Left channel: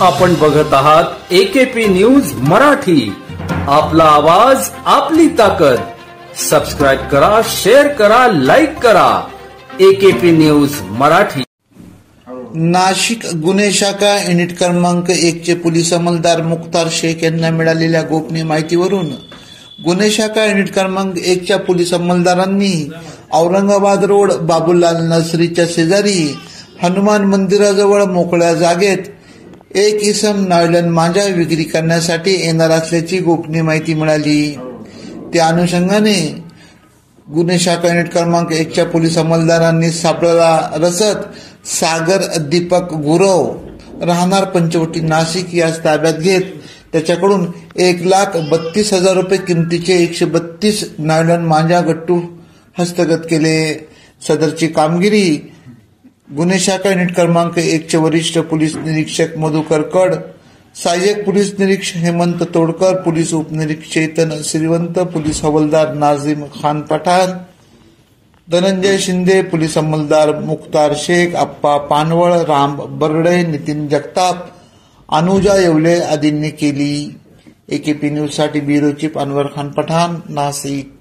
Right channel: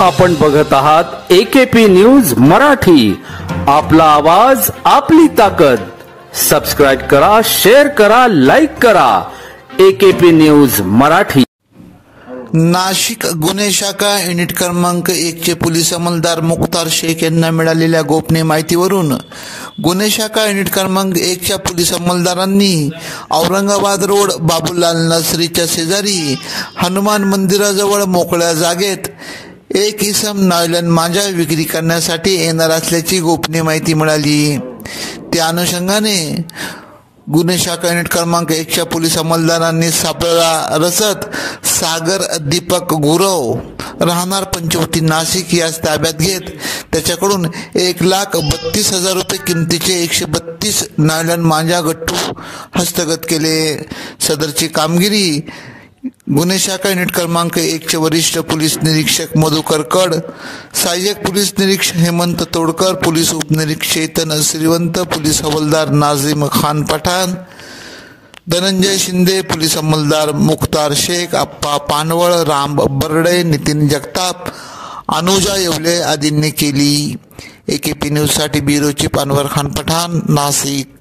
आपण बघत आहात एकेपी न्यूज मराठी. आपला आवाज आपली ताकद. सबस्क्राइब करा, शेअर करा, लाईक करा. AKP news Marathi. नाशिक गुन्हे शाखा युनिट क्रमांक 1 चे पोलीस अंमलदार मुख्तार शेख यांना मिळालेल्या गोपनीय माहितीवरून गुन्हे शाखा युनिट क्रमांक 1 च्या पोलीस अंमलदारांनी औरंगाबाद रोड बाबूलाल नर्सरीच्या शेजारी हनुमान मंदिराजवळ मोकळ्या जागेत एक इसम नायलॉन मांजा विक्री करण्यासाठी येणार असल्याची गोपनीय माहिती मिळाली. त्या अनुषंगाने गुन्हे शाखा युनिट क्रमांक 1 च्या पोलीस अंमलदारांनी सापळा रचत सागर दीपक गुरव राहणार पंचवटी नाशिक यास ताब्यात घेत त्याच्याकडून 1,32,000 रुपये किमतीचे 132 नायलॉन मांजा गट्टू हस्तगत केले. सदरची कामगिरी गुन्हे शाखा युनिट क्रमांक 1 चे वरिष्ठ पोलीस निरीक्षक मधुकर कड, सहाय्यक पोलीस निरीक्षक हेमंत तोडकर, पोलीस उपनिरीक्षक चेतन श्रीवंत, पोलीस हवालदार नाझिम खान पठाण, धनंजय शिंदे, पोलीस अंमलदार मुख्तार शेख, अप्पा पानवळ, राम बर्डे, नितीन जगताप, अनुजा येवले आदींनी केली. एकेपी न्यूज साठी ब्युरो चीफ अनवर खान पठाण, नाशिक.